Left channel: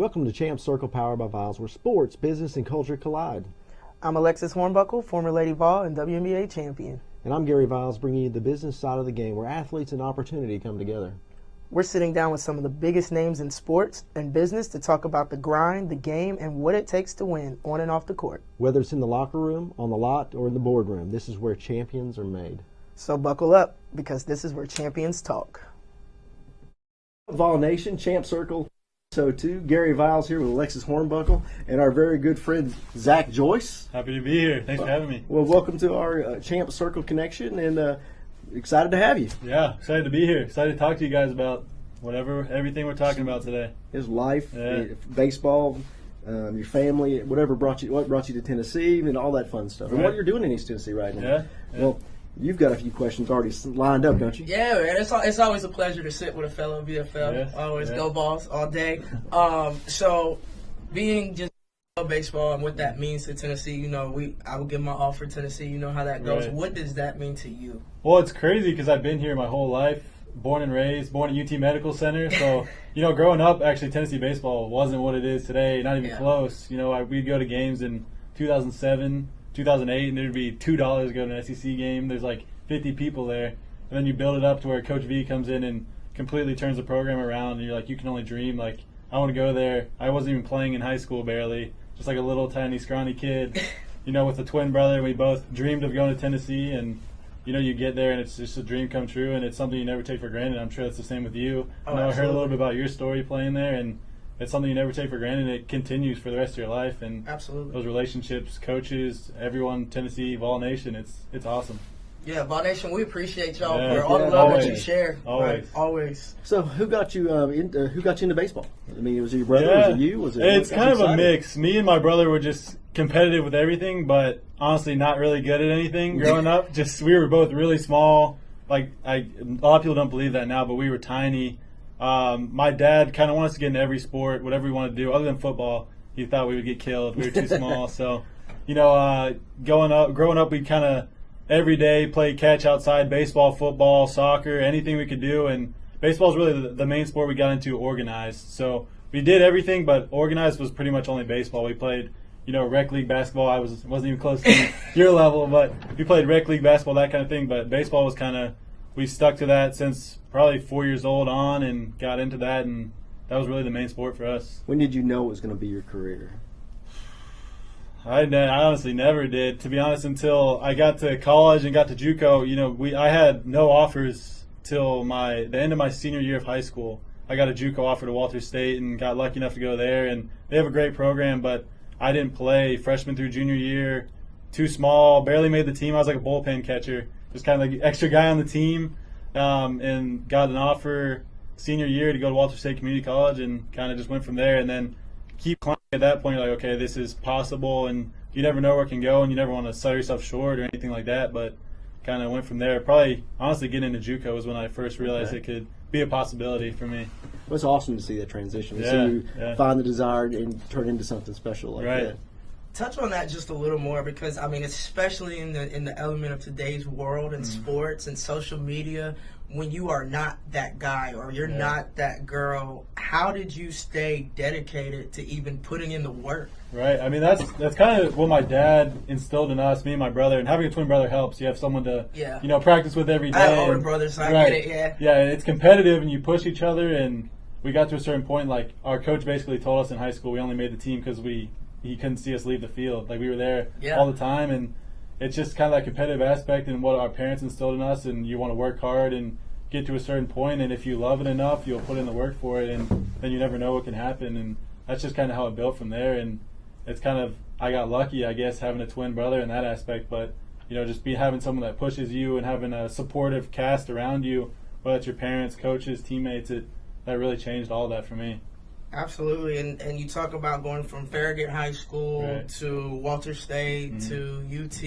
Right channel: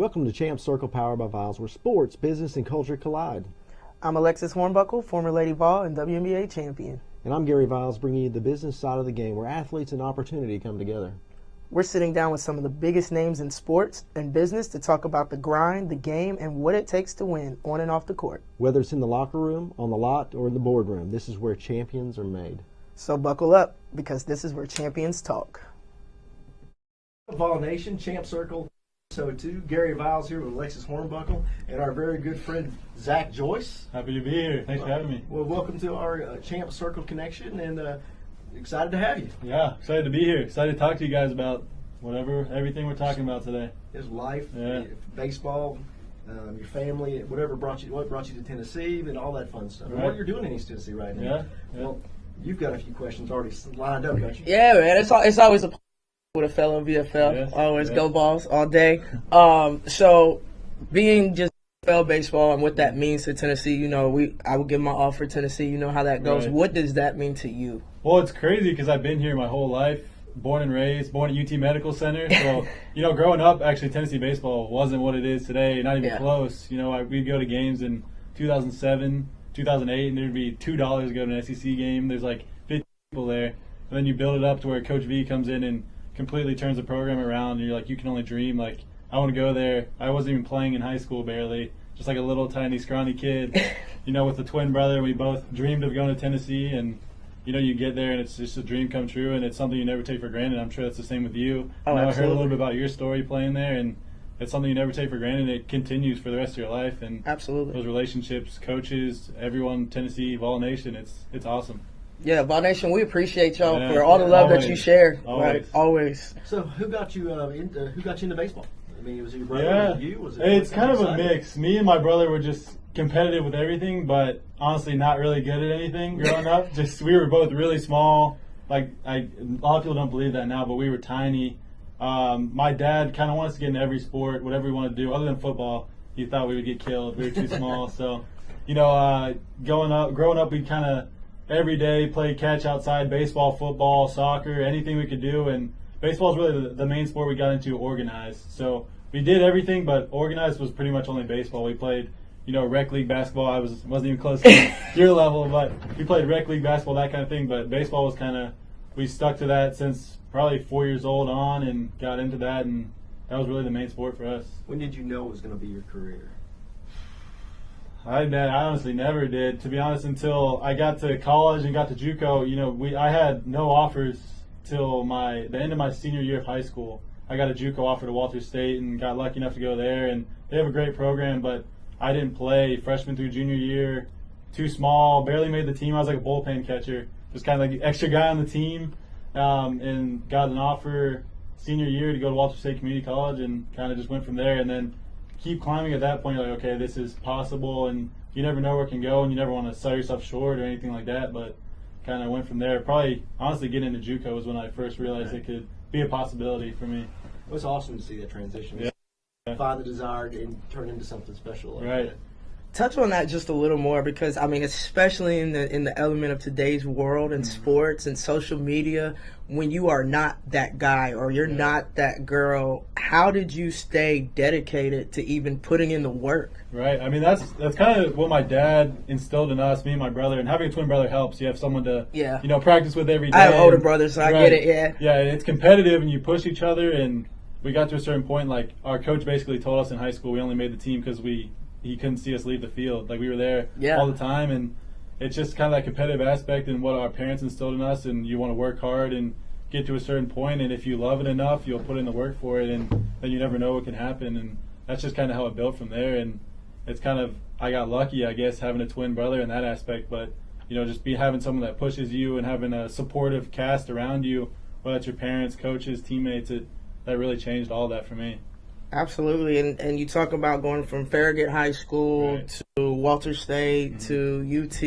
Welcome to Champ Circle Powered by Viles, where sports, business, and culture collide. I'm Alexis Hornbuckle, former Lady Vol and WNBA champion. And I'm Gary Viles, bringing you the business side of the game, where athletes and opportunity come together. We're sitting down with some of the biggest names in sports and business to talk about the grind, the game, and what it takes to win on and off the court. Whether it's in the locker room, on the lot, or in the boardroom, this is where champions are made. So buckle up, because this is where champions talk. Vol Nation, Champ Circle ep02. Gary Viles here with Alexis Hornbuckle and our very good friend Zach Joyce. Happy to be here. Thanks for having me. Well, welcome to our Champ Circle connection, and excited to have you. Yeah, excited to be here. Excited to talk to you guys about everything we're talking about today. His life, baseball, your family, what brought you to Tennessee, and all that fun stuff. And what you're doing in East Tennessee right now. Yeah. Well, you've got a few questions already lined up, don't you? Yeah, man. It's always a pleasure to sit with a fellow VFL. Yes, Always go Balls all day. So being just VFL baseball and what that means to Tennessee, I would give my all for Tennessee. You know how that goes. Right. What does that mean to you? Well, it's crazy because I've been here my whole life, born and raised, born at UT Medical Center. So, growing up, actually, Tennessee baseball wasn't what it is today, not even close. We'd go to games in 2007, 2008, and there'd be $2 to go to an SEC game. There's like 50 people there. And then you build it up to where Coach V comes in and completely turns the program around, and you're like, you can only dream. Like, I want to go there. I wasn't even playing in high school barely, just like a little tiny scrawny kid, with a twin brother. We both dreamed of going to Tennessee, and you get there and it's just a dream come true, and it's something you never take for granted. I'm sure it's the same with you. Oh, I heard a little bit about your story playing there, and it's something you never take for granted. It continues for the rest of your life, and absolutely those relationships, coaches, everyone, Tennessee, Vol Nation, it's awesome. Yeah, Vol Nation, we appreciate y'all for all the love that you share. Always. Right, always. So, who got you into baseball? I mean, was it your brother? Was it you? It's kind of a mix. Me and my brother were just competitive with everything, but honestly not really good at anything growing up. We were both really small. A lot of people don't believe that now, but we were tiny. My dad kind of wants to get into every sport, whatever we want to do, other than football. He thought we would get killed. We were too small. So, growing up, we kind of every day play catch outside, baseball, football, soccer, anything we could do. And baseball is really the main sport we got into organized. So we did everything, but organized was pretty much only baseball. We played, rec league basketball. I wasn't even close to your level, but we played rec league basketball, that kind of thing. But baseball was we stuck to that since probably 4 years old on and got into that, and that was really the main sport for us. When did you know it was going to be your career? I honestly never did, to be honest, until I got to college and got to JUCO. I had no offers till the end of my senior year of high school. I got a JUCO offer to Walter State and got lucky enough to go there, and they have a great program, but I didn't play freshman through junior year. Too small, barely made the team. I was like a bullpen catcher, just kind of like the extra guy on the team, and got an offer senior year to go to Walter State Community College, and kind of just went from there. And then keep climbing. At that point, you're like, okay, this is possible, and you never know where it can go, and you never want to sell yourself short or anything like that, but kind of went from there. Probably, honestly, getting into JUCO was when I first realized it could be a possibility for me. Well, it's awesome to see that transition. To see you find the desire and turn into something special like that. Touch on that just a little more, because especially in the element of today's world and sports and social media, when you are not that guy or you're not that girl, how did you stay dedicated to even putting in the work? Right. I mean, that's kind of what my dad instilled in us, me and my brother, and having a twin brother helps. You have someone to practice with every day. I have older brothers, so I get it. Yeah, it's competitive and you push each other, and we got to a certain point, like our coach basically told us in high school we only made the team because he couldn't see us leave the field. Like, we were there all the time, and it's just kind of that competitive aspect and what our parents instilled in us, and you want to work hard and get to a certain point, and if you love it enough, you'll put in the work for it, and then you never know what can happen, and that's just kind of how it built from there. And it's I got lucky, I guess, having a twin brother in that aspect, but just having someone that pushes you and having a supportive cast around you, whether it's your parents, coaches, teammates, that really changed all that for me. Absolutely, and you talk about going from Farragut High School to Walter State to UT,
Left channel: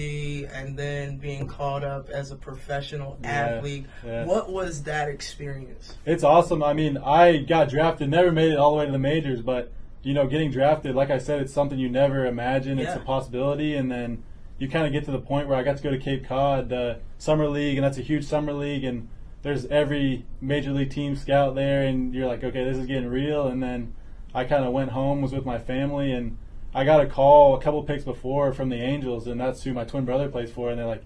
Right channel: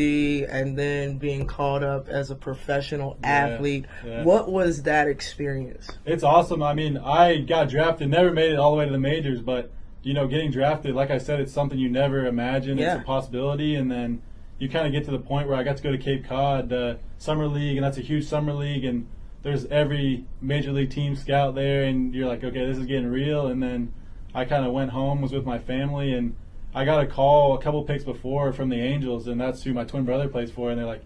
and then being called up as a professional athlete. What was that experience? It's awesome. I mean, I got drafted, never made it all the way to the majors, but getting drafted, like I said, it's something you never imagine. It's a possibility, and then you kind of get to the point where I got to go to Cape Cod, the summer league, and that's a huge summer league, and there's every major league team scout there, and you're like, okay, this is getting real. And then I kind of went home, was with my family, and I got a call a couple picks before from the Angels, and that's who my twin brother plays for. And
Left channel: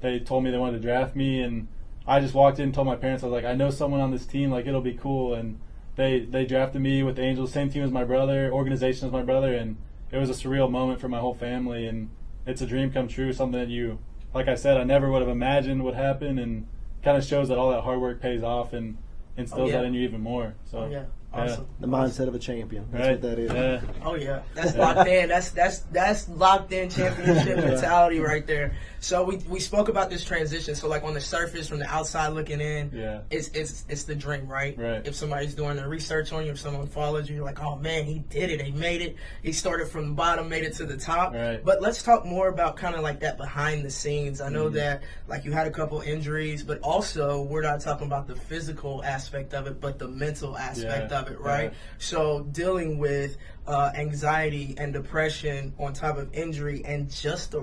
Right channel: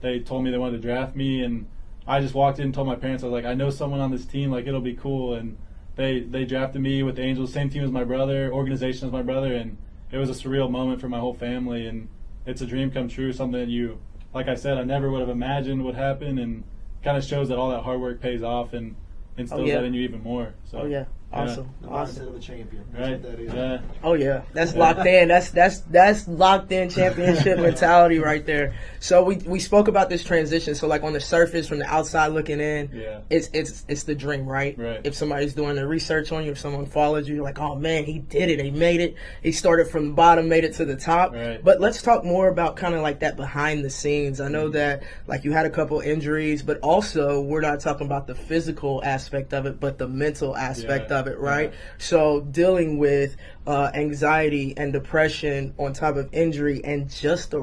they told me they wanted to draft me, and I just walked in and told my parents, I was like, I know someone on this team, like, it'll be cool. And they drafted me with the Angels, same team as my brother, organization as my brother, and it was a surreal moment for my whole family. And it's a dream come true, something that like I said, I never would have imagined would happen, and kind of shows that all that hard work pays off and instills that in you even more. So, Awesome. The mindset of a champion. That's right. what that is. Yeah. Oh yeah, that's locked in. That's locked in championship mentality right there. So we spoke about this transition. So like on the surface, from the outside looking in, it's the dream, right? If somebody's doing the research on you, if someone follows you, you're like, oh man, he did it. He made it. He started from the bottom, made it to the top. Right. But let's talk more about kind of like that behind the scenes. I know that like you had a couple injuries, but also we're not talking about the physical aspect of it, but the mental aspect of it, right? So dealing with anxiety and depression on top of injury and just the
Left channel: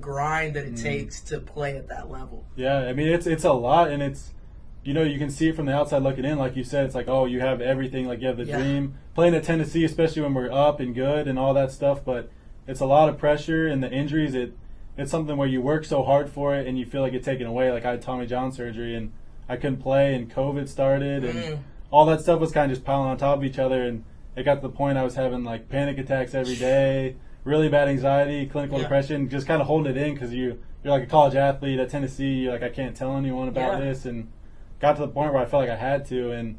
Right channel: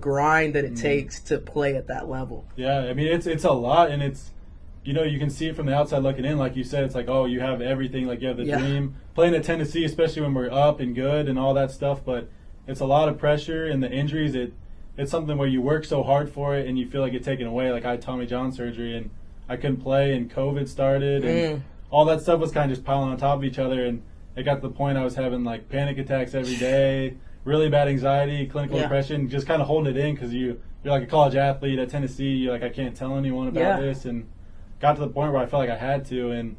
grind that it takes to play at that level. Yeah, I mean, it's a lot, and it's, you can see it from the outside looking in. Like you said, it's like, oh, you have everything, like you have the dream. Playing at Tennessee, especially when we're up and good and all that stuff, but it's a lot of pressure, and the injuries, it's something where you work so hard for it and you feel like it's taken away. Like I had Tommy John surgery, and I couldn't play, and COVID started, and all that stuff was kind of just piling on top of each other, and it got to the point I was having like panic attacks every day, really bad anxiety, clinical depression, just kind of holding it in because you're like a college athlete at Tennessee. You're like, I can't tell anyone about this, and got to the point where I felt like I had to, and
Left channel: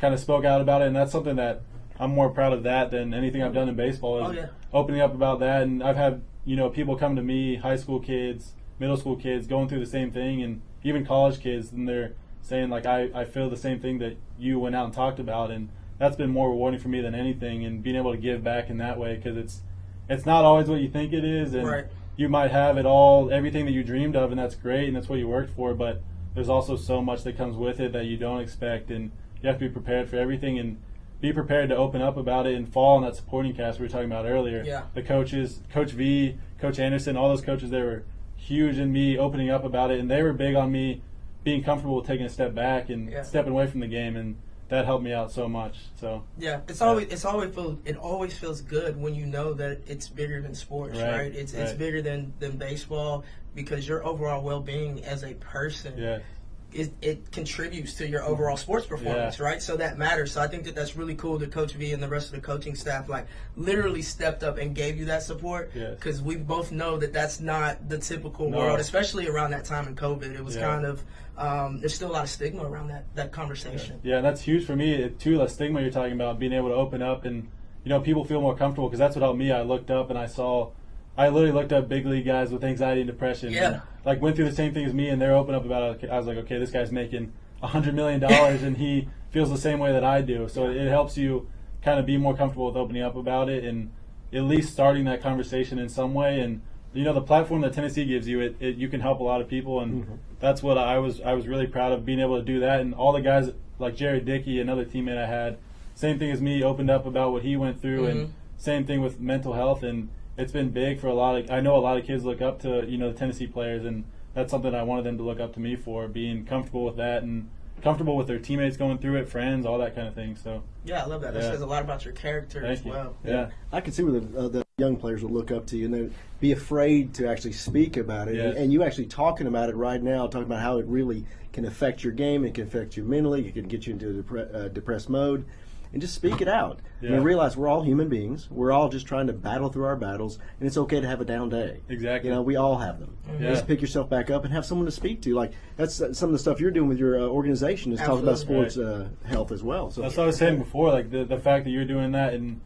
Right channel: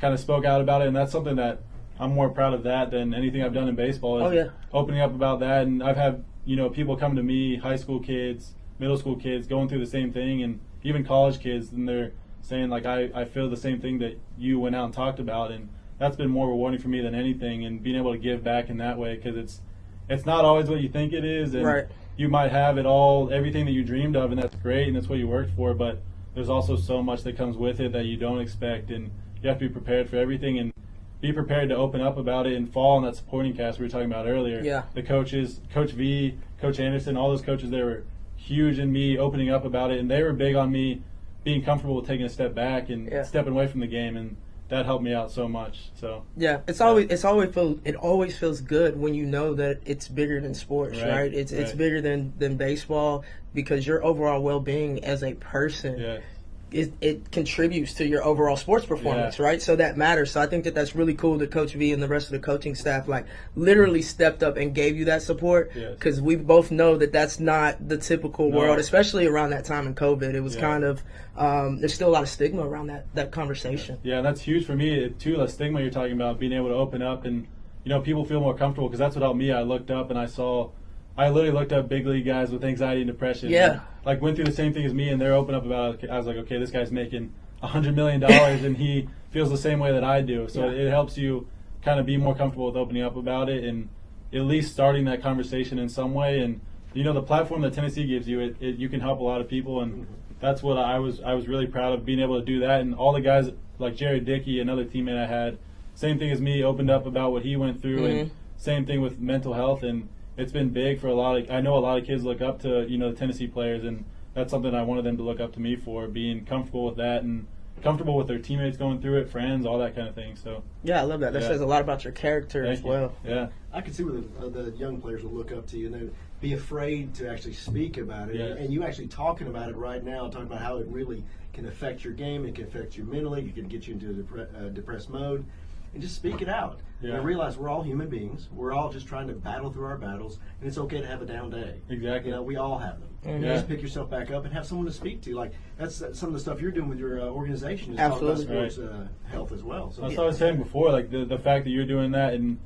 kind of spoke out about it. And that's something that I'm more proud of that than anything I've done in baseball. Is opening up about that. And I've had people come to me, high school kids, middle school kids, going through the same thing, and even college kids, and they're saying like, I feel the same thing that you went out and talked about. And that's been more rewarding for me than anything, and being able to give back in that way, because it's not always what you think it is, and you might have it all, everything that you dreamed of, and that's great, and that's what you worked for, but there's also so much that comes with it that you don't expect, and you have to be prepared for everything, and be prepared to open up about it and fall on that supporting cast we were talking about earlier. The coaches, Coach V, Coach Anderson, all those coaches, they were huge in me opening up about it, and they were big on me being comfortable with taking a step back and stepping away from the game, and that helped me out so much. So it always feels good when you know that it's bigger than sports, right? It's bigger than baseball, because your overall well-being as a person, it contributes to your overall sports performance, right? So that matters. So I think that's really cool that Coach V and the rest of the coaching staff like literally stepped up and gave you that support, because we both know that that's not the typical world, especially around that time in COVID. It was kind of there's still a lot of stigma around that conversation. Yeah, that's huge for me too. The stigma you're talking about, being able to open up, and people feel more comfortable, because that's what helped me. I looked up and I literally looked up big league guys with anxiety and depression. And, like, went through the same thing as me, and they're open up about it. I was like, okay, this guy's making $100 million, and he feels the same way that I do. So it helps you kind of be more comfortable with opening up about it, and at least starting that conversation in some way. And the platform that Tennessee gives you, you can help a lot of people, and that's what I was really proud of, being able to do that. And all the guys like Jared Dickey, another teammate I had, same thing as me, opened up about what he went through, and same thing with mental health. And it's been big for I know a lot of kids look up to the Tennessee players, and that's something I wanted them to look up to me for, being comfortable with that and comfortable with their teammates going through it, friends, all that kind of thing. So I love that. That says a lot about your character as well. I can see where the young players will look up to you and they'd be afraid to actually speak about it, and you actually talking about it right now, talking about how it really can affect your game, it can affect you mentally, it can get you into a depressed mode, and just speak it out. And realize we're all human beings. We're all just trying to battle through our battles, and it's okay to have a down day. Exactly. We all have them. Just pick yourself back up and have someone to speak to. Like, that's some of the stuff you're doing with your organization, is talking about sports health as well. So that's what I was saying before, like the fact that you're doing that, and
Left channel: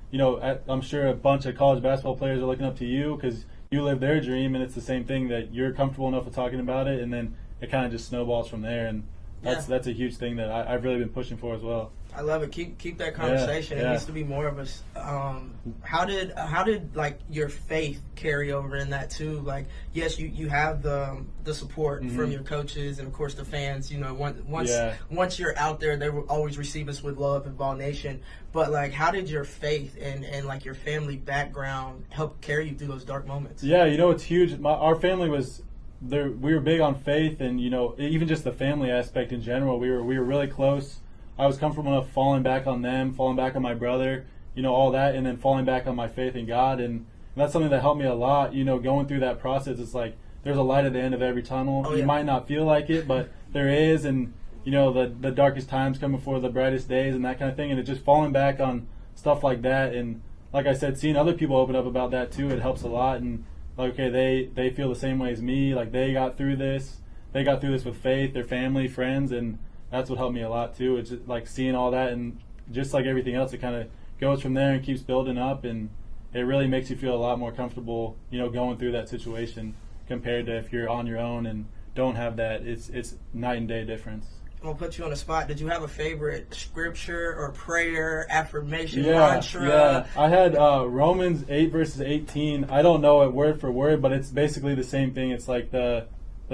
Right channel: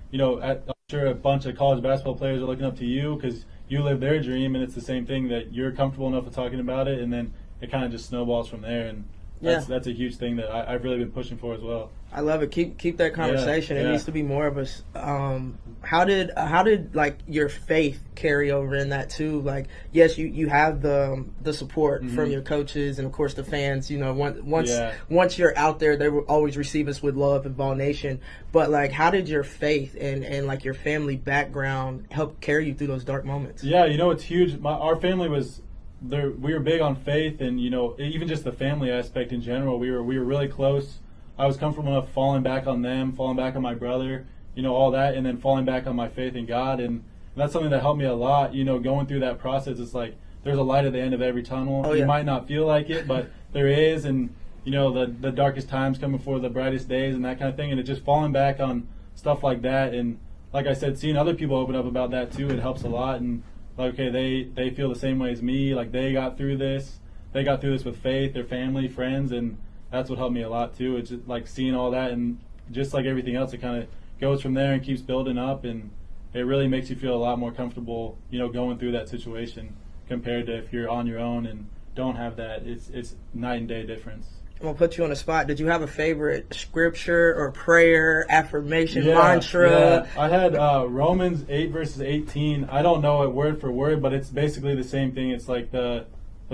I'm sure a bunch of college basketball players are looking up to you because you live their dream, and it's the same thing, that you're comfortable enough with talking about it, and then it kind of just snowballs from there. And that's a huge thing that I've really been pushing for as well. I love it. Keep that conversation. It needs to be more of us. How did like your faith carry over in that too? Like, yes, you have the support from your coaches and of course the fans. Once you're out there, they will always receive us with love and Vol Nation. But like, how did your faith and like your family background help carry you through those dark moments? Yeah, it's huge. Our family was there. We were big on faith, and even just the family aspect in general. We were really close. I was comfortable enough falling back on them, falling back on my brother, all that, and then falling back on my faith in God. And that's something that helped me a lot, going through that process. It's like there's a light at the end of every tunnel. Oh, yeah. You might not feel like it, but there is. And, the darkest times come before the brightest days and that kind of thing. And it's just falling back on stuff like that. And like I said, seeing other people open up about that too, it helps a lot. And like, okay, they feel the same way as me. Like they got through this. They got through this with faith, their family, friends, and that's what helped me a lot too. It's just like seeing all that, and just like everything else, it kind of goes from there and keeps building up, and it really makes you feel a lot more comfortable, going through that situation compared to if you're on your own and don't have that. It's night and day difference. I'm gonna put you on the spot. Did you have a favorite scripture or prayer, affirmation, mantra? Yeah, I had Romans 8 verses 18. I don't know it word for word, but it's basically the same thing. It's like the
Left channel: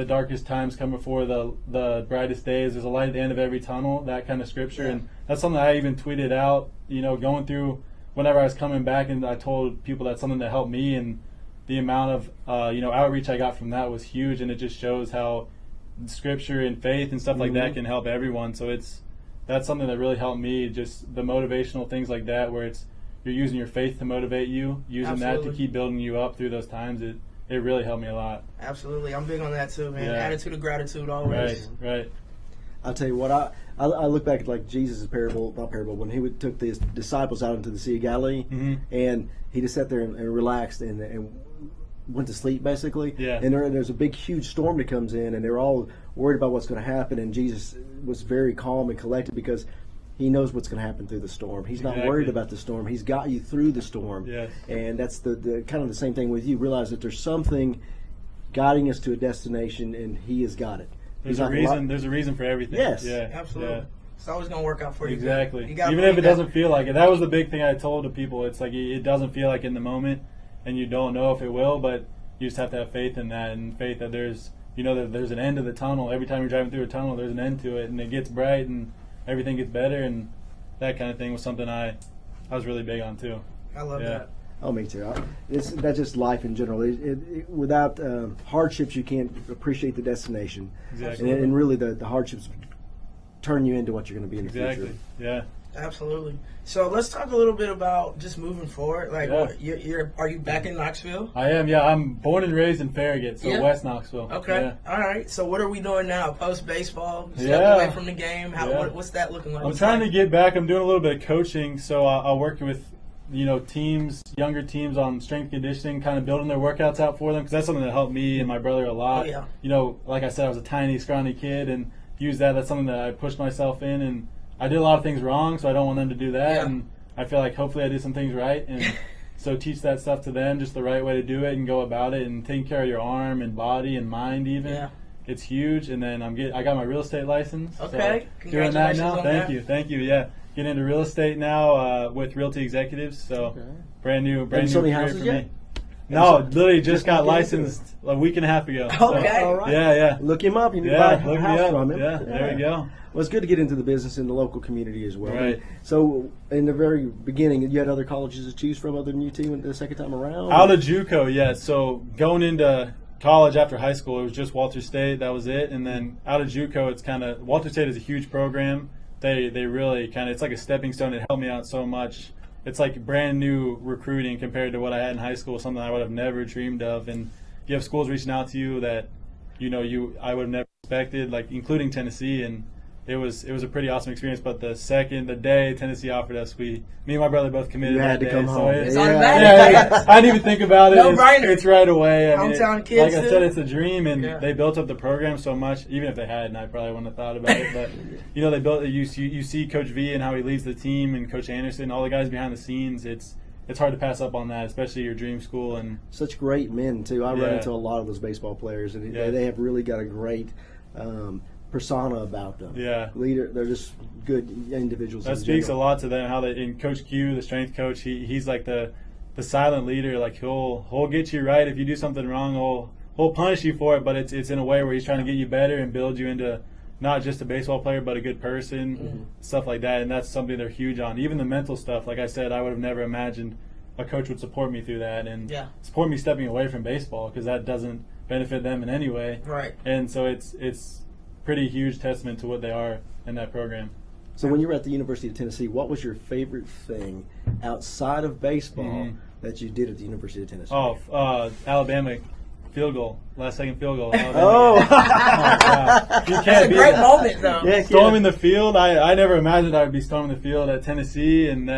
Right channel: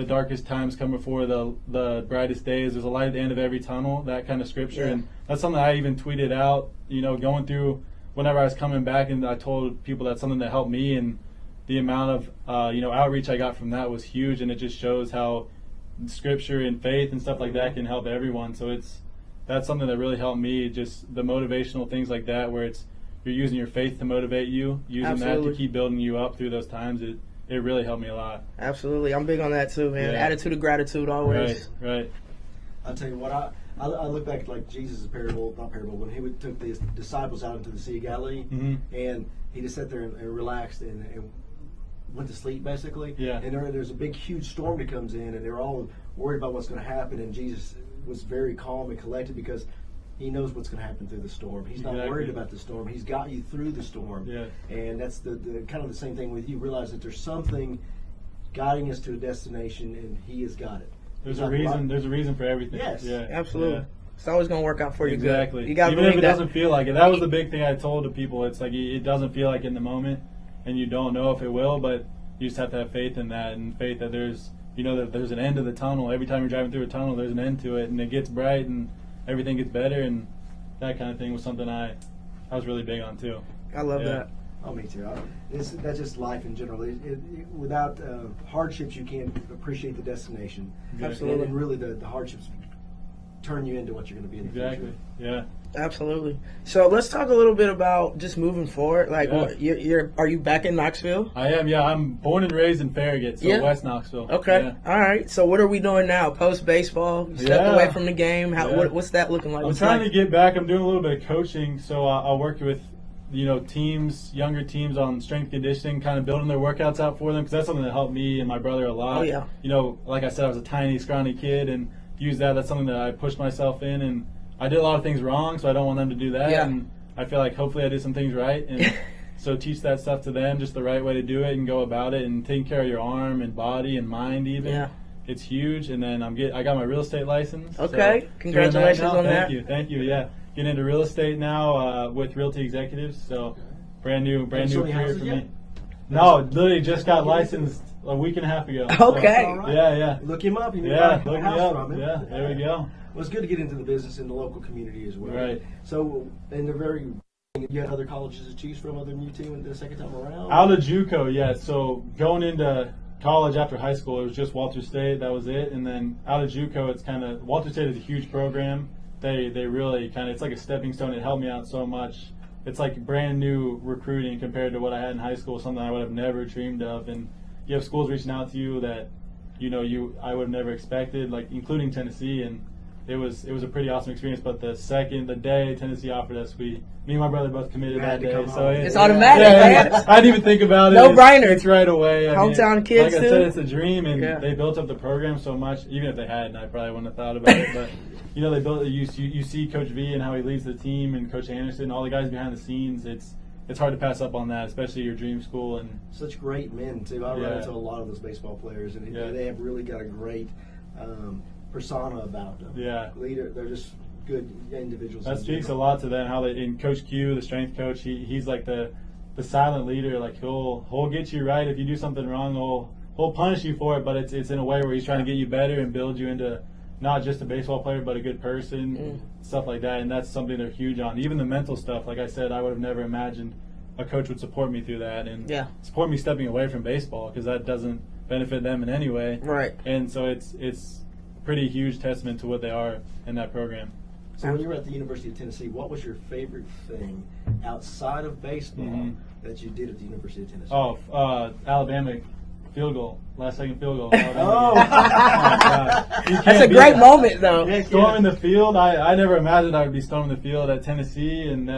darkest times come before the brightest days. There's a light at the end of every tunnel, that kind of scripture. And that's something I even tweeted out, going through whenever I was coming back, and I told people that's something that helped me, and the amount of, outreach I got from that was huge. And it just shows how scripture and faith and stuff like that can help everyone. So that's something that really helped me, just the motivational things like that, where you're using your faith to motivate you, using that to keep building you up through those times. It really helped me a lot. Absolutely. I'm big on that too, man. Attitude of gratitude always. Right. I'll tell you what, I look back at like Jesus' when he took the disciples out into the Sea of Galilee, and he just sat there and relaxed and went to sleep basically. Yeah. And there's a big huge storm that comes in, and they're all worried about what's going to happen, and Jesus was very calm and collected because he knows what's going to happen through the storm. He's not worried about the storm. He's got you through the storm. Yes. And that's the kind of the same thing with you. Realize that there's something guiding us to a destination, and He has got it. There's a reason. There's a reason for everything. Yes, yeah, absolutely. Yeah. It's always going to work out for you. Exactly. You even if it doesn't feel like it. That was the big thing I told the people. It's like it doesn't feel like in the moment, and you don't know if it will, but you just have to have faith in that, and faith that there's that there's an end to the tunnel. Every time you're driving through a tunnel, there's an end to it, and it gets bright, and everything gets better, and that kind of thing was something I was really big on too. I love that. Oh, me too. That's just life in general. Without hardships, you can't appreciate the destination. Exactly. And really, the hardships turn you into what you're going to be in the future. Exactly. Yeah. Absolutely. So let's talk a little bit about just moving forward. Like, are you back in Knoxville? I am. Yeah, I'm born and raised in Farragut, so West Knoxville. Okay. Yeah. All right. So what are we doing now? Post baseball, stepped away from the game. What's that looking like? I'm trying to get back. I'm doing a little bit of coaching, so I work with teams, younger teams on strength conditioning, kind of building their workouts out for them, because that's something that helped me and my brother a lot. Oh, yeah. Like I said, I was a tiny, scrawny kid, and used that. That's something that I pushed myself in, and I did a lot of things wrong, so I don't want them to do that. Yeah. And I feel like hopefully I did some things right, and so teach that stuff to them, just the right way to do it and go about it, and taking care of your arm and body and mind even. Yeah. It's huge. And then I got my real estate license. Okay. So Congratulations on that. Thank you. Yeah. Getting into real estate now with Realty Executives. So brand new career for me. No, literally just got licensed a week and a half ago. Okay. So, right. Yeah. Look him up. You can buy a house from him. Yeah, there we go. Well, it's good to get into the business in the local community as well. Right. So, in the very beginning, you had other colleges to choose from other than UT the second time around? Out of JUCO, yeah. So, going into college after high school, it was just Walter State. That was it. And then out of JUCO, it's kind of – Walter State is a huge program. They really kind of – it's like a stepping stone. It helped me out so much. It's like brand new recruiting compared to what I had in high school, something I would have never dreamed of. And you have schools reaching out to you that, I would have never expected, like including Tennessee. And it was a pretty awesome experience. But the day Tennessee offered us, me and my brother both committed that day. So it's automatic. Yeah, I didn't even think about it. No brainer. It's right away. Hometown kids, like I said, it's a dream, and they built up the program so much. Even if they hadn't, I probably wouldn't have thought about it. But they built it. You see Coach V and how he leads the team, and Coach Anderson, all the guys behind the scenes. It's hard to pass up on that, especially your dream school. And such great men too. I run into a lot of those baseball players, and they have really got a great persona about them. Yeah, leader. They're just good individuals. That speaks a lot to them. How they, in Coach Q, the strength coach, he's like the silent leader. Like he'll get you right if you do something wrong. He'll punish you for it, but it's in a way where he's trying to get you better and build you into not just a baseball player, but a good person, stuff like that. And that's something they're huge on. Even the mental stuff. Like I said, I would have never imagined a coach would support me through that and support me stepping away from baseball, because that doesn't benefit them in any way. Right. And so it's pretty huge testament to what they are in that program. So when you were at the University of Tennessee, what was your favorite thing outside of baseball that you did at the University of Tennessee? Alabama field goal, last second field goal. Oh, that's a great moment, though. Yeah, Storming the field. I never imagined I would be storming the field at Tennessee, and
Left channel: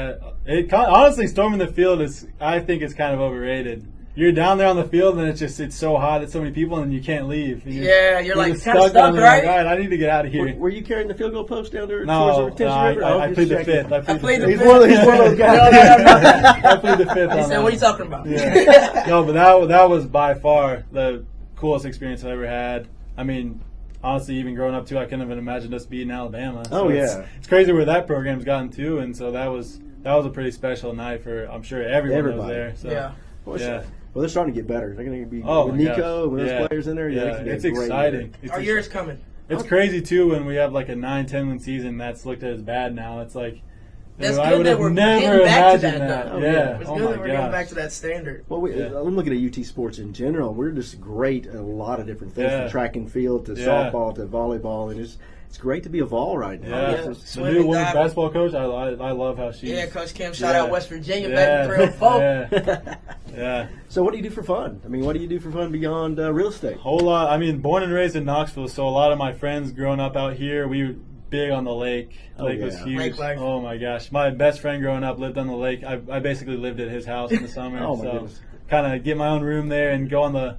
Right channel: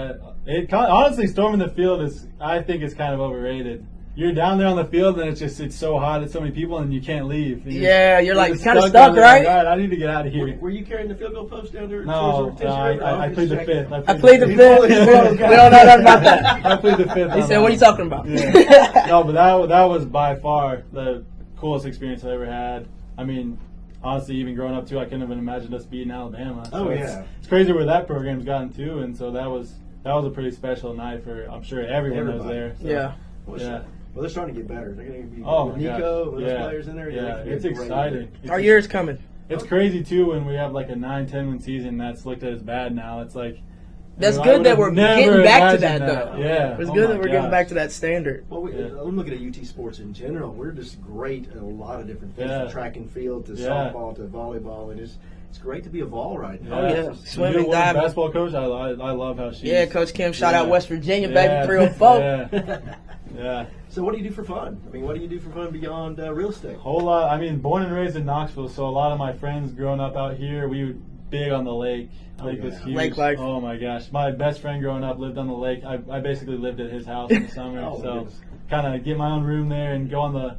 honestly, storming the field I think it's kind of overrated. You're down there on the field, and it's so hot, it's so many people, and you can't leave. You're like kind of stuck, right? right? All right, I need to get out of here. Were you carrying the field goal post down there? No, I plead the fifth. I plead the fifth. I plead the fifth. He said, "What are you talking about?" Yeah. No, but that was by far the coolest experience I ever had. I mean, honestly, even growing up too, I couldn't have imagined us beating Alabama. So it's crazy where that program's gotten to, and so that was a pretty special night for, I'm sure, everyone that was there. So, yeah. Well, they're starting to get better. They're going to be with Nico, with those players in there. Yeah, it's exciting. Our year's coming. It's crazy too when we have like a 9-10 win season that's looked at as bad now. It's like that's good that we're getting back to that though. Yeah, it's good that we're getting back to that standard. Well, I'm looking at UT sports in general. We're just great at a lot of different things, from track and field to softball to volleyball, and it's great to be a Vol right now. The new women's basketball coach, I love how she. Yeah, Coach Kim. Shout out West Virginia back in 304. Yeah. So what do you do for fun? I mean, what do you do for fun beyond real estate? Whole lot. I mean, born and raised in Knoxville, so a lot of my friends growing up out here, we were big on the lake. Lake was huge. Lake life. Oh my gosh, my best friend growing up lived on the lake. I basically lived at his house in the summer, so kind of get my own room there and go on the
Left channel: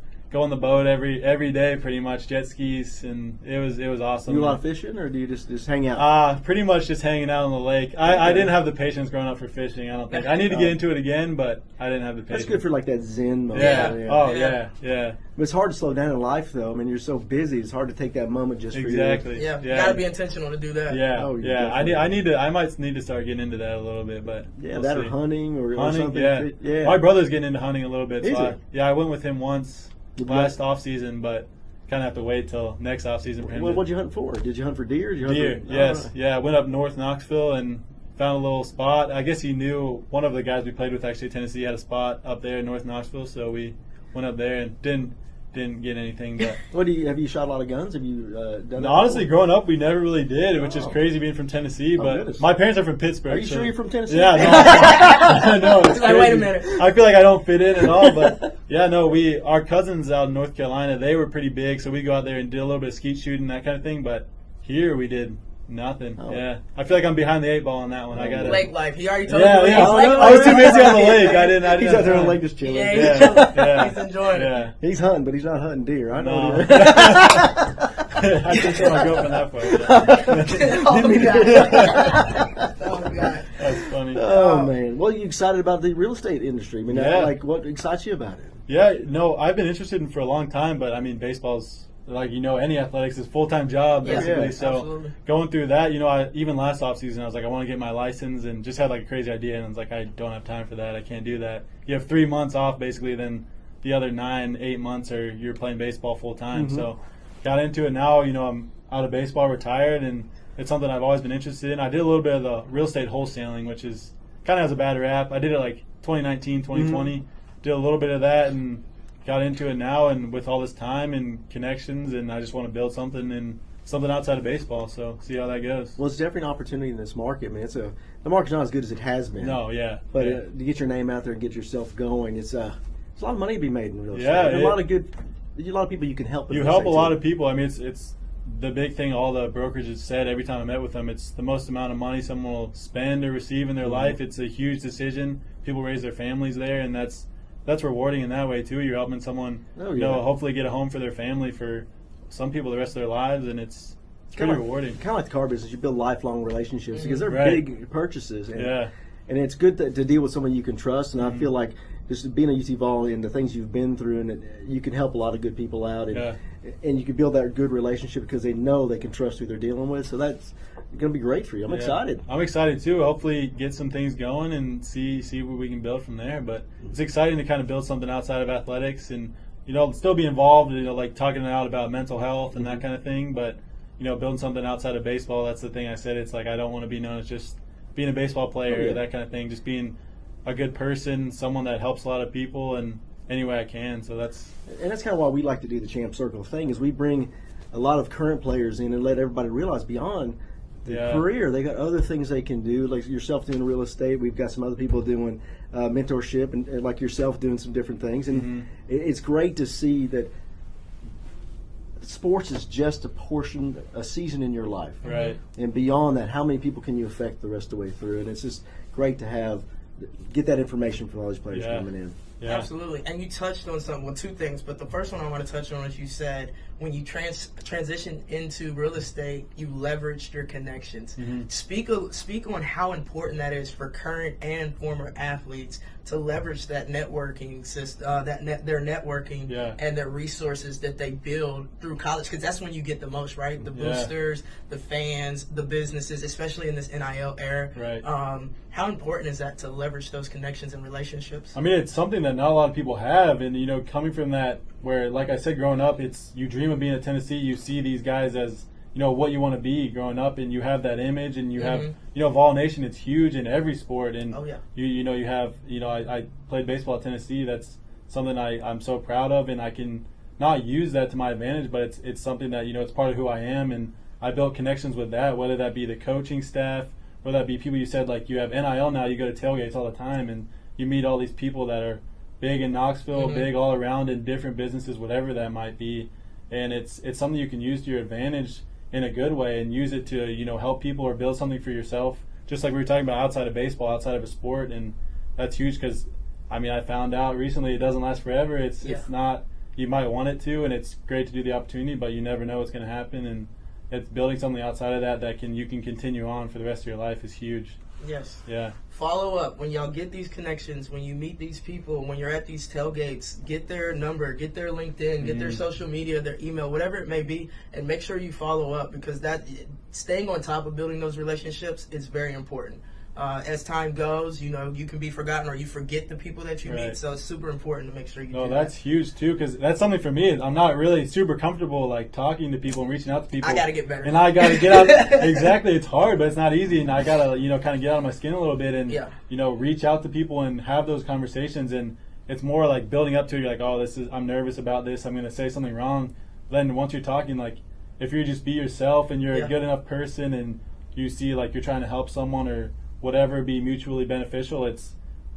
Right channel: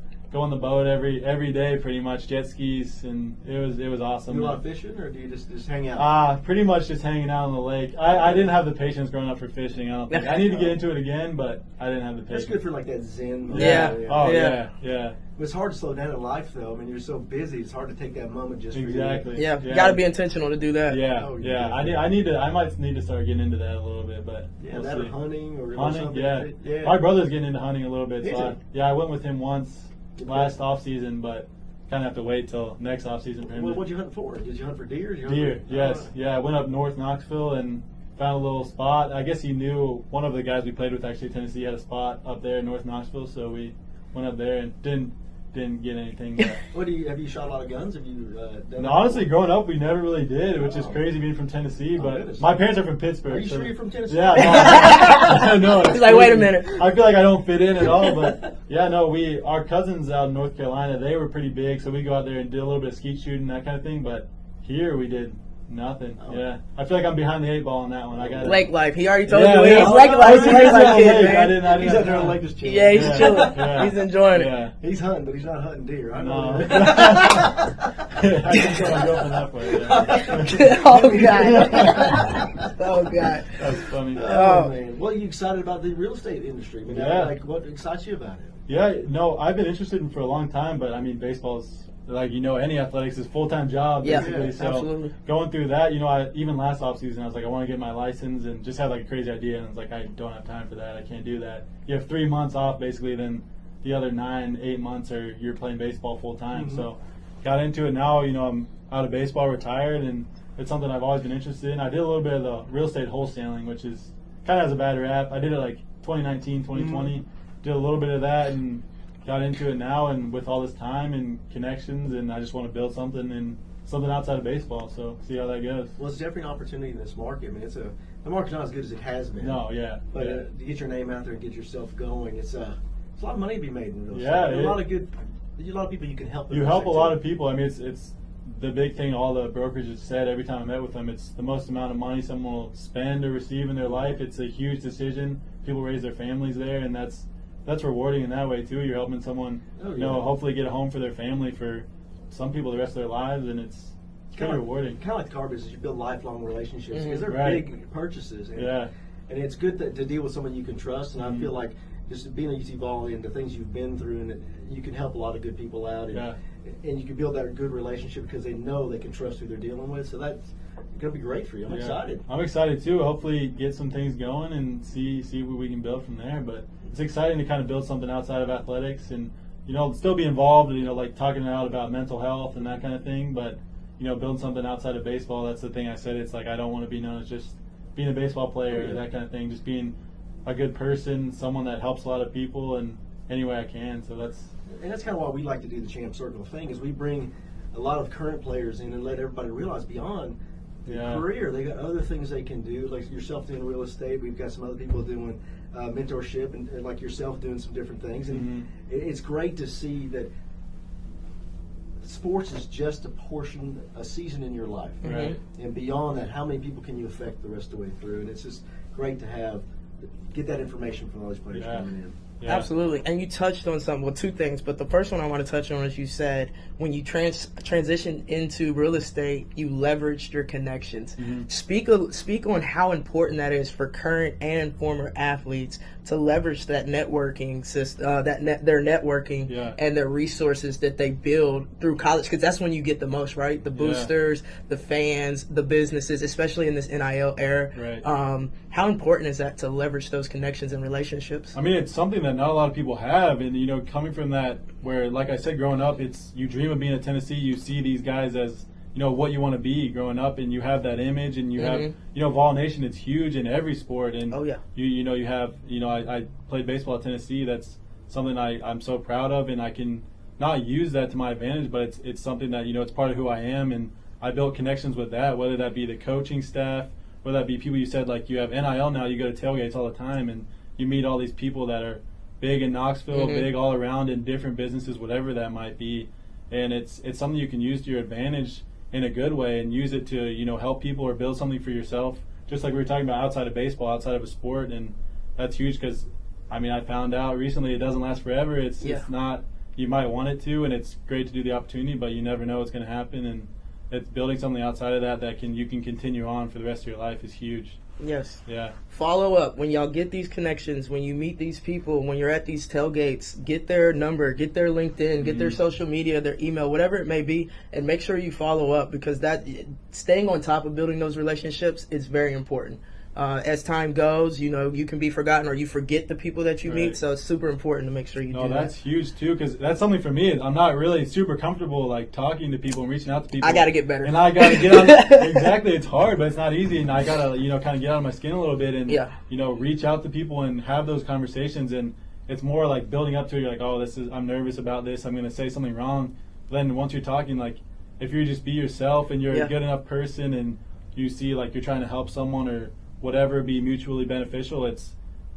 boat every day, pretty much, jet skis, and it was awesome. You do a lot of fishing, or do you just hang out? Pretty much just hanging out on the lake. I didn't have the patience growing up for fishing. I don't think I need to get into it again, but I didn't have the patience. That's good for like that zen mode. Yeah. But it's hard to slow down in life, though. I mean, you're so busy. It's hard to take that moment just for you. Exactly. Yeah, you got to be intentional to do that. Yeah. I might need to start getting into that a little bit, but we'll that see. Or hunting or something. Yeah. My brother's getting into hunting a little bit, so I went with him once. Last off season, but kind of have to wait till next off season for him. What'd you hunt for? Did you hunt for deer? Deer, yes. Yeah, I went up north Knoxville and found a little spot. I guess he knew one of the guys we played with actually at Tennessee had a spot up there in North Knoxville, so we went up there and didn't get anything. But have you shot a lot of guns? Have you done that? Honestly, growing up, we never really did, which is crazy being from Tennessee. But my parents are from Pittsburgh. Are you sure you're from Tennessee? Yeah, I know. He's like, wait a minute. I feel like I don't fit in at all. But our cousins out in North Carolina, they were pretty big, so we go out there and did a little bit of skeet shooting, that kind of thing. But here we did nothing. Yeah, I feel like I'm behind the 8 ball on that one. I got lake life. He already told me. He's lake life. I didn't. He's out there on the lake just chilling. Yeah, he's chilling. He's enjoying it. He's hunting, but he's not hunting deer. I know. No. I can tell my girlfriend that part. Oh God. That's funny. Oh man. Well, you excited about the real estate industry? I mean, what excites you about it? Yeah, no, I've been interested in it for a long time, but I mean, baseball's any athletics is full-time job basically. So absolutely. Going through that, even last offseason, I was like, I want to get my license, and just had like a crazy idea, and I was like, I don't have time for that. I can't do that. You have 3 months off basically, then the other 9-8 months you're playing baseball full-time. So got into it now. I'm out of baseball, retired, and it's something I've always been interested in. I did a little bit of the real estate wholesaling, which is kind of has a bad rap. I did it like 2019, 2020. Did a little bit of that and got into it now, and with all this time and connections, and I just want to build something outside of baseball. So see how that goes. Well, it's definitely an opportunity in this market. I mean, the market's not as good as it has been. No, yeah. But to get your name out there and get yourself going, it's a lot of money to be made in real estate. Yeah, a lot of people you can help. You help a lot of people. I mean, it's the big thing. All the brokerages said every time I met with them, it's the most amount of money someone will spend or receive in their life. It's a huge decision. People raise their families there, and that's rewarding in that way too. You're helping someone, hopefully get a home for their family for some people the rest of their lives, and it's pretty rewarding. Kind of like the car business, you build lifelong relationships because they're big purchases, and it's good to deal with someone you can trust. And I feel like just being a UT Vol and the things you've been through, and you can help a lot of good people out, and you can build that good relationship because they know they can trust who they're dealing with. So that's going to be great for you. I'm excited. I'm excited too. Hopefully get some things going and see what we can build from there. But it's exciting to kind of build something outside of athletics and, still be involved, like talking out about mental health and that kind of thing. But, building something outside of baseball, that's the thing I said. It's like I don't want to be known as just being a baseball player or that kind of thing. Just being a good person, someone that helps a lot of people and any way I can. So that's kind of why we like to do the Champ Circle thing is we bring a lot of current players in and let everybody realize beyond career. They got other things they can do, like yourself doing real estate. We've got some other people doing mentorship, and like yourself doing some different things. And it's great to see that sports is just a season in your life. Right. And beyond that, how many people can you affect the rest of the way through? And it's just great to get that information from all these players coming in. Yeah. Absolutely. And you touched on something, well, two things, but the first one I want to touch on is you said when you transition into real estate, you leveraged your connections. Speak on how important that is for current and former athletes to leverage that networking system, their networking and their resources that they build through college, because that's when you get the most, right? The boosters, the fans, the businesses, especially in this NIL era. Right. How important is that to leverage those connections and relationships? I mean, it's something that not a lot of people have, and you know, coming from that, where like I said, growing up, you dream of being at Tennessee. You see these guys as, you know, what you want to be growing up, and you have that image, and you have, you know, Vol Nation. It's huge in every sport, and I played baseball at Tennessee. That's something I'm so proud of, and I can not use that to my advantage, but it's something that, you know, it's part of who I am, and I built connections with that, whether that be the coaching staff, whether that be people you said, like you have NIL now, you go to tailgates all the time, and you meet all these people that are big in Knoxville, big all around in different businesses, whatever that might be, and it's something you can use to your advantage in a good way, and use it to, you know, help people or build something for yourself, just like we were talking about outside of baseball, outside of a sport. And that's huge, because I mean, I found out recently it doesn't last forever. It's not, you might want it to, and it's great to do the opportunity, but you never know what's going to happen, and it's building something outside of that you can continue on for the rest of your life is huge. Yes. Yeah. Follow up. When y'all get these connections, when you meet these people, when you're at these tailgates, get their number, get their LinkedIn, get their social media, their email, whatever it may be, and make sure you follow up, because that staying on top of building those relationships is very important. As time goes, you know, you can be forgotten, or you forget the people that you meet, so it's super important to make sure you do that. No, that's huge too, because that's something for me. I'm not really super comfortable like talking to people and reaching out to people. I got to get better. And I got to get out. Exactly, it's hard, but it's not easy, and I got to, you know, kind of get out of my skin a little bit and you know, reach out to people and have those conversations. And it's more like building up to it. You're like, oh, I'm nervous about this. I'm going to say something wrong. Then once you're talking, like, if you just be yourself and you're a good enough person, and you see like you're trying to help someone or whatever, be mutually beneficial,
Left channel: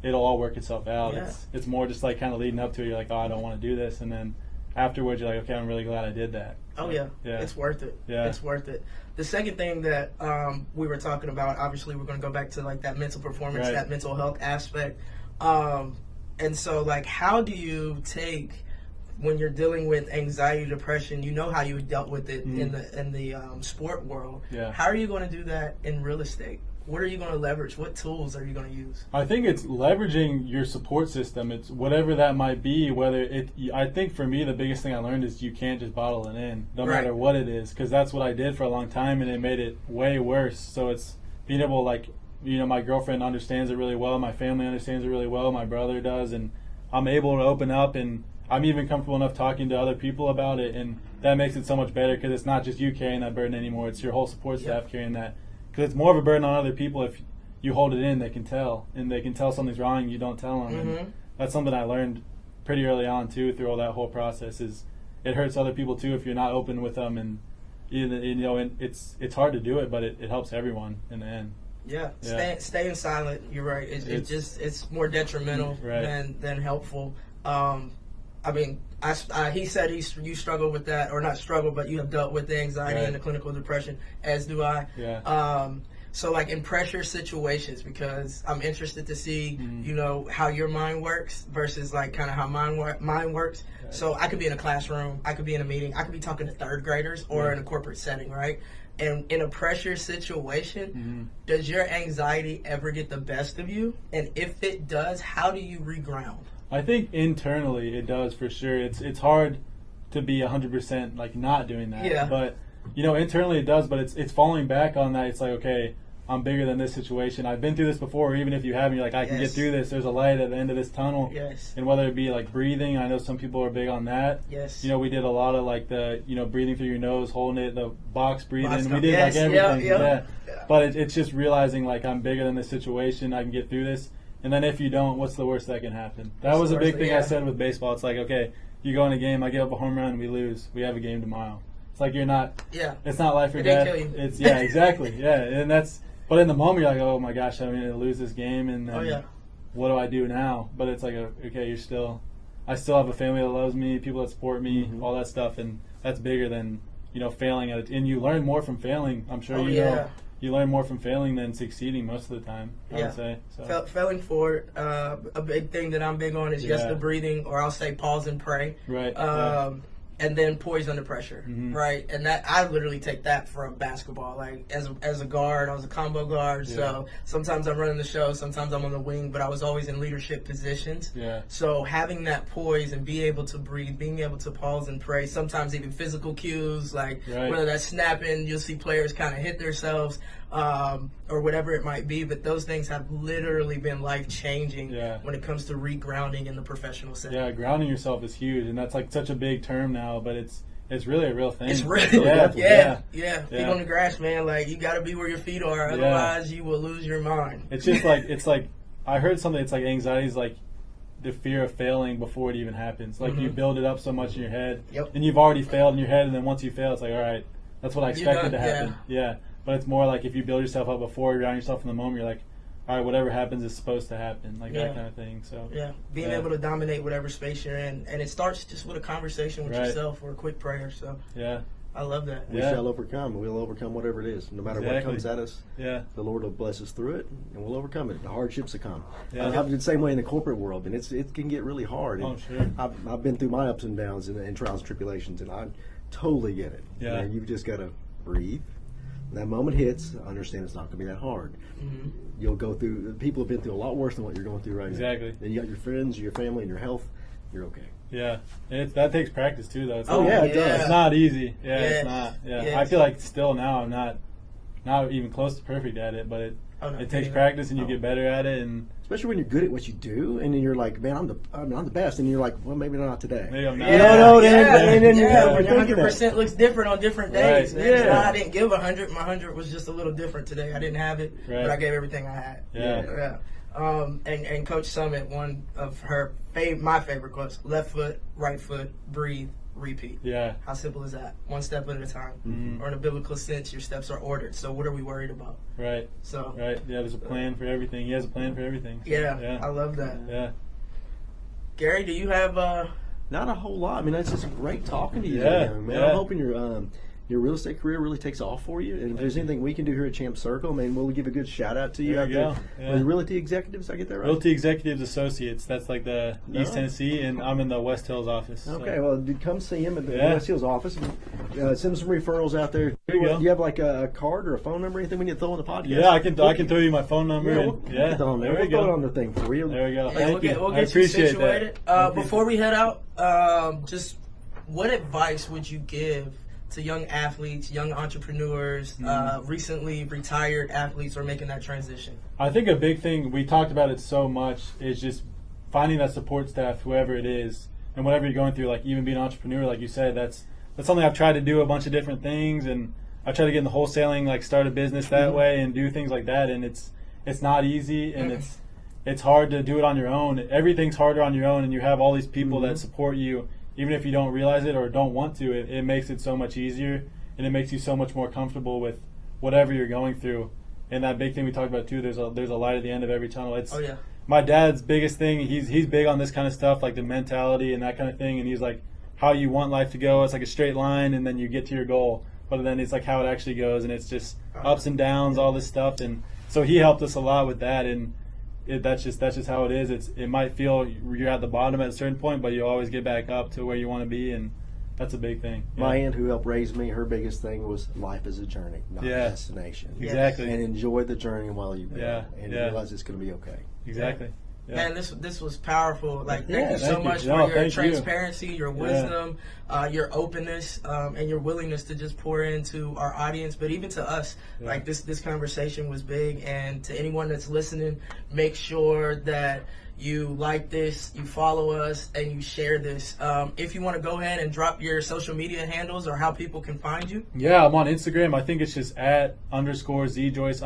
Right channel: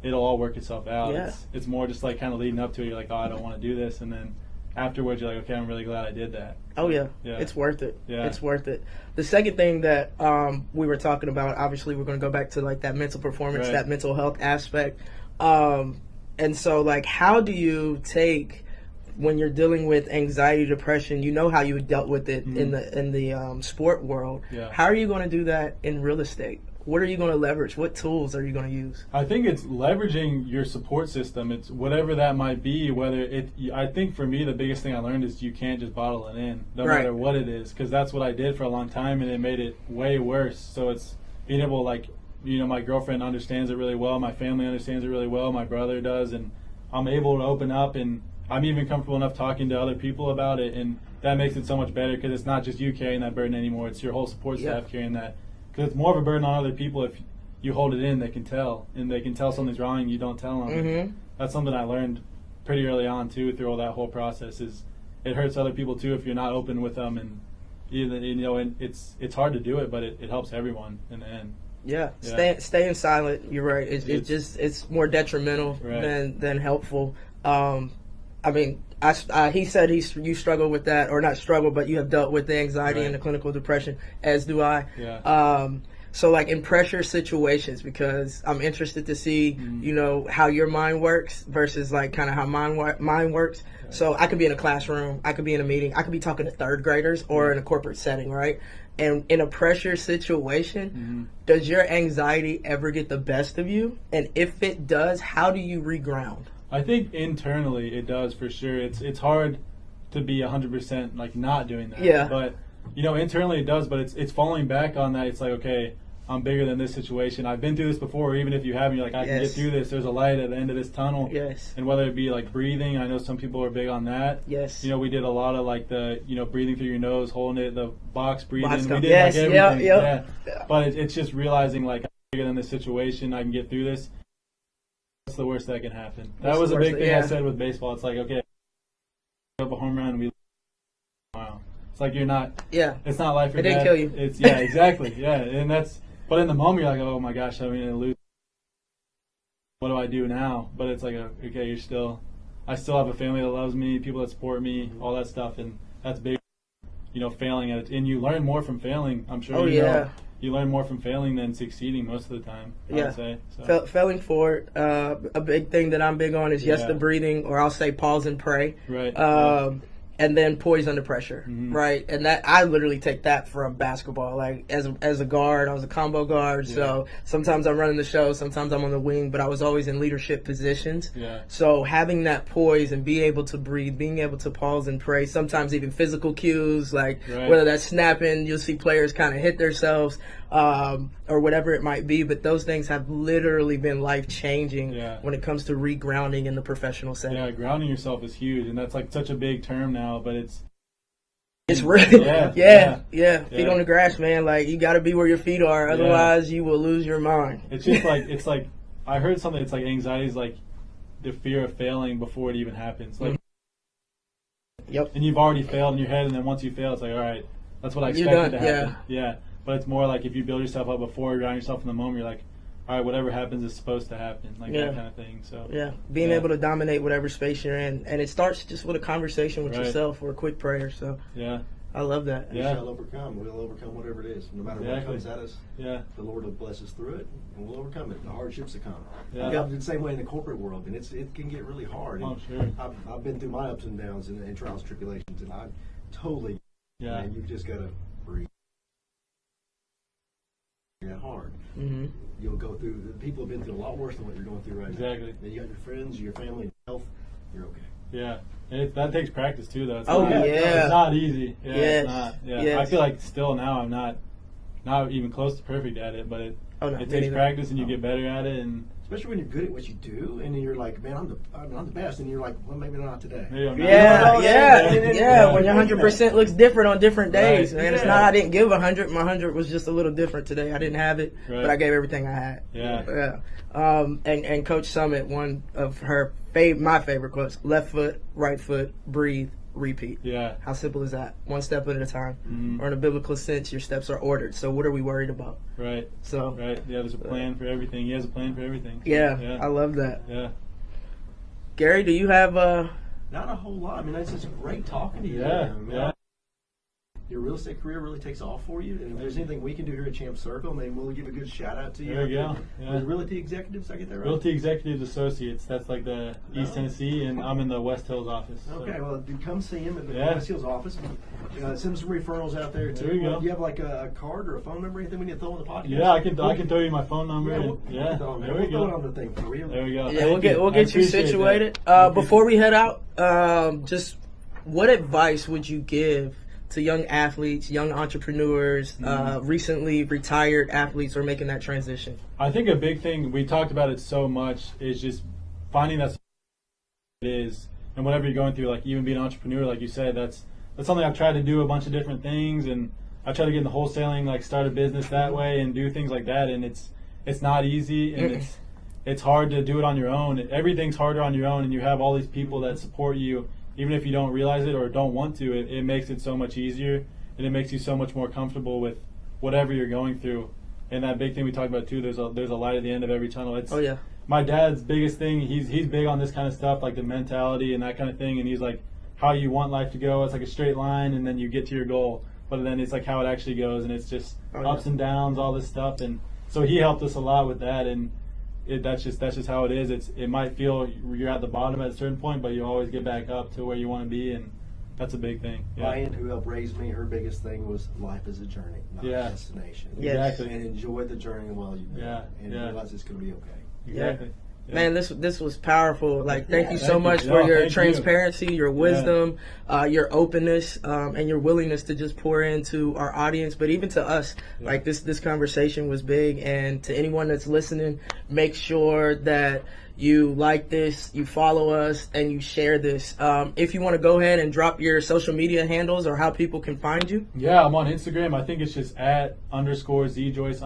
it'll all work itself out. It's more just like kind of leading up to it. You're like, oh, I don't want to do this, and then afterwards you're like, okay, I'm really glad I did that. Oh yeah. It's worth it. Yeah, it's worth it. The second thing that we were talking about, obviously we're going to go back to like that mental performance, that mental health aspect, and so like, how do you take, when you're dealing with anxiety, depression, you know how you dealt with it in the sport world. How are you going to do that in real estate? What are you going to leverage? What tools are you going to use? I think it's leveraging your support system. It's whatever that might be. I think for me, the biggest thing I learned is you can't just bottle it in, no matter what it is, because that's what I did for a long time, and it made it way worse. So it's being able, like, you know, my girlfriend understands it really well, my family understands it really well, my brother does, and I'm able to open up, and I'm even comfortable enough talking to other people about it, and that makes it so much better, because it's not just you carrying that burden anymore. It's your whole support staff carrying that. Because it's more of a burden on other people. If you hold it in, they can tell, and they can tell something's wrong, and you don't tell them. And that's something I learned pretty early on too, through all that whole process. Is it hurts other people too if you're not open with them, and you know, and it's hard to do it, but it helps everyone in the end. Staying silent. You're right. It's more detrimental than helpful. I mean, he said you struggle with that, or not struggle, but you have dealt with the anxiety and the clinical depression, as do I. So like in pressure situations, because I'm interested to see, you know, how your mind works versus like kind of how mine works. So I could be in a classroom, I could be in a meeting, I could be talking to third graders or in a corporate setting, right? And in a pressure situation, does your anxiety ever get the best of you? And if it does, how do you reground? I think internally it does, for sure. It's hard to be 100% like not doing that. But you know, internally it does. But it's falling back on that. It's like, okay, I'm bigger than this situation. I've been through this before. Even if you haven't, you're like, I can get through this. There's a light at the end of this tunnel. And whether it be like breathing, I know some people are big on that. You know, we did a lot of like the, you know, breathing through your nose, holding it, the box breathing. We did like everything. But it's just realizing like, I'm bigger than this situation. I can get through this. And then if you don't, what's the worst that can happen? That was a big thing I said with baseball. It's like, okay, you go in a game, I give up a home run, we lose. We have a game tomorrow. It's like you're not. Yeah. It's not life or It death. didn't kill you. It's exactly. Yeah, and that's. But in the moment, you're like, oh my gosh, I'm gonna lose this game, and then what do I do now? But it's like, okay, I still have a family that loves me, people that support me, all that stuff, and that's bigger than failing at it. And you learn more from failing. I'm sure you learn more from failing than succeeding most of the time. I would say. So. Failing forward. A big thing that I'm big on is the breathing, or I'll say pause and pray. Right. And then poise under pressure, right? And that I literally take that from basketball. Like as a guard, I was a combo guard, so sometimes I'm running the show, sometimes I'm on the wing, but I was always in leadership positions. Yeah. So having that poise and be able to breathe, being able to pause and pray, sometimes even physical cues, like whether that's snapping, you'll see players kind of hit themselves, or whatever it might be. But those things have literally been life-changing when it comes to regrounding in the professional setting. Yeah, grounding yourself is huge, and that's like such a big term now, but it's really a real thing. It's real. Yeah. Feet on the grass, man. Like, you got to be where your feet are, otherwise you will lose your mind. It's just like I heard something. It's like anxiety is like the fear of failing before it even happens. Like you build it up so much in your head, and you've already failed in your head, and then once you fail, it's like, all right, that's what I expected to happen. Yeah. But it's more like if you build yourself up before, you ground yourself in the moment, you're like, all right, whatever happens is supposed to happen, like that kind of thing. So being able to dominate whatever space you're in, and it starts just with a conversation with yourself or a quick prayer. So I love that. We shall overcome. We'll overcome whatever it is, no matter what comes at us. The Lord will bless us through it, and we'll overcome it. The hardships that come. I've been the same way in the corporate world, and it can get really hard. Oh, sure. I've been through my ups and downs and trials and tribulations, and I totally get it. Yeah. You've just got to breathe. When that moment hits, understand it's not going to be that hard. You'll go through. People have been through a lot worse than what you're going through right now. Exactly. And you got your friends, your family, and your health. You're okay. Yeah, and that takes practice too, though. It's not easy. Yeah, it's not. Yeah, yes. I feel like still now I'm not even close to perfect at it, but it takes practice, and you get better at it, and especially when you're good at what you do, and then you're like, man, I'm the best, and you're like, well, maybe not today. Maybe I'm not. When 100% looks different on different days. Right. It's not I didn't give 100. My 100 was just a little different today. I didn't have it, but I gave everything I had. And Coach Summit, one of my favorite quotes: left foot, right foot, breathe, repeat. Yeah. How simple is that? One step at a time. Or in a biblical sense, your steps are ordered. So what are we worried about? Right. So. Right. Yeah. There's a plan for everything. He has a plan for everything. Yeah. I love that. Yeah. Gary, do you have Not a whole lot. I mean, that's just great talking to you, man. I'm hoping your real estate career really takes off for you. And if there's anything we can do here at Champ Circle, maybe we'll give a good shout out to you. There you go. The Realty Executives, I get that right? Realty Executives Associates. That's like the East Tennessee, and I'm in the West Hills office. Okay, well, come see him at the West Hills office. Send some referrals out there too. There you go. Do you have like a card or a phone number, anything we need to throw on the podcast? Yeah, I can throw you my phone number. We'll throw it on the thing for you. There we go. Yeah, we'll get you situated. Before we head out, just what advice would you give to young athletes, young entrepreneurs, recently retired athletes who are making that transition? I think a big thing, we talked about it so much, is just finding that support staff, whoever it is, and whatever you're going through, like even being an entrepreneur, like you said, that's something I've tried to do a bunch of different things, and I've tried to get into wholesaling, like start a business that way and do things like that, and it's not easy, and it's hard to do it on your own. Everything's harder on your own, and you have all these people that support you. Even if you don't realize it or don't want to, it makes it so much easier, and it makes you so much more comfortable with whatever you're going through. And that big thing we talked about too, there's a light at the end of every tunnel. My dad's biggest thing, he's big on this kind of stuff, like the mentality and that kind of thing, and he's like, how you want life to go, it's like a straight line, and then you get to your goal. But then it's like how it actually goes, and it's just ups and downs, all this stuff. And so he helped us a lot with that, and that's just how it is. It might feel you're at the bottom at a certain point, but you always get back up to where you want to be, and that's a big thing. My aunt, who helped raise me, her biggest thing was life is a journey, not a destination. Exactly. And enjoy the journey while you're there, and realize it's going to be okay. Exactly. Yeah. Man, this was powerful. Like, thank you so much for your transparency, your wisdom, your openness, and your willingness to just pour into our audience, but even to us. Like, this conversation was big, and to anyone that's listening, make sure that you like this, you follow us, and you share this. If you want to go ahead and drop your social media handles or how people can find you. Yeah, I'm on Instagram. I think it's just @_ZJoyce_,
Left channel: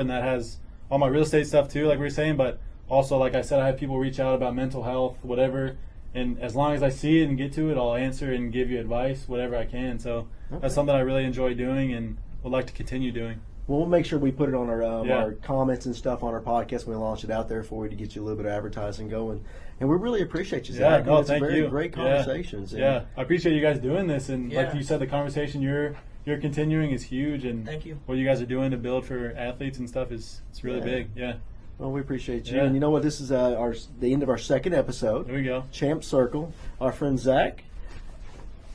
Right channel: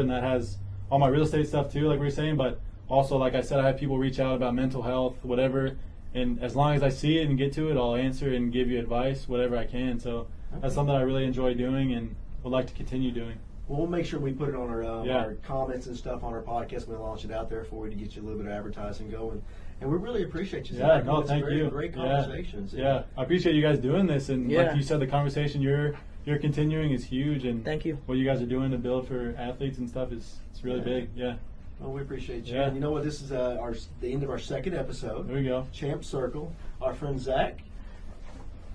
and that has all my real estate stuff too, like we were saying, but also, like I said, I have people reach out about mental health, whatever, and as long as I see it and get to it, I'll answer and give you advice, whatever I can. So That's something I really enjoy doing and would like to continue doing. Well, we'll make sure we put it on our comments and stuff on our podcast when we launch it out there for you to get you a little bit of advertising going. And we really appreciate you, Zach. Yeah, no, it's thank you. Great conversations. Yeah, I appreciate you guys doing this. And like you said, the conversation you're continuing is huge. And thank you. What you guys are doing to build for athletes and stuff it's really big. Yeah. Well, we appreciate you. And you know what? This is the end of our second episode. There we go. Champ Circle. Our friend Zach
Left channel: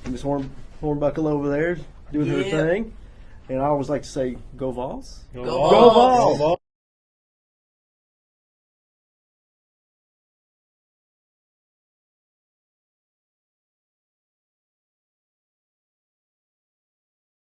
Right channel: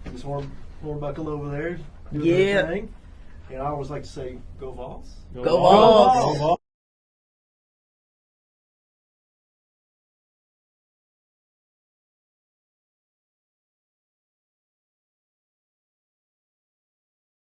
and Miss Hornbuckle over there doing their thing. And I always like to say, go Vols. Go Vols.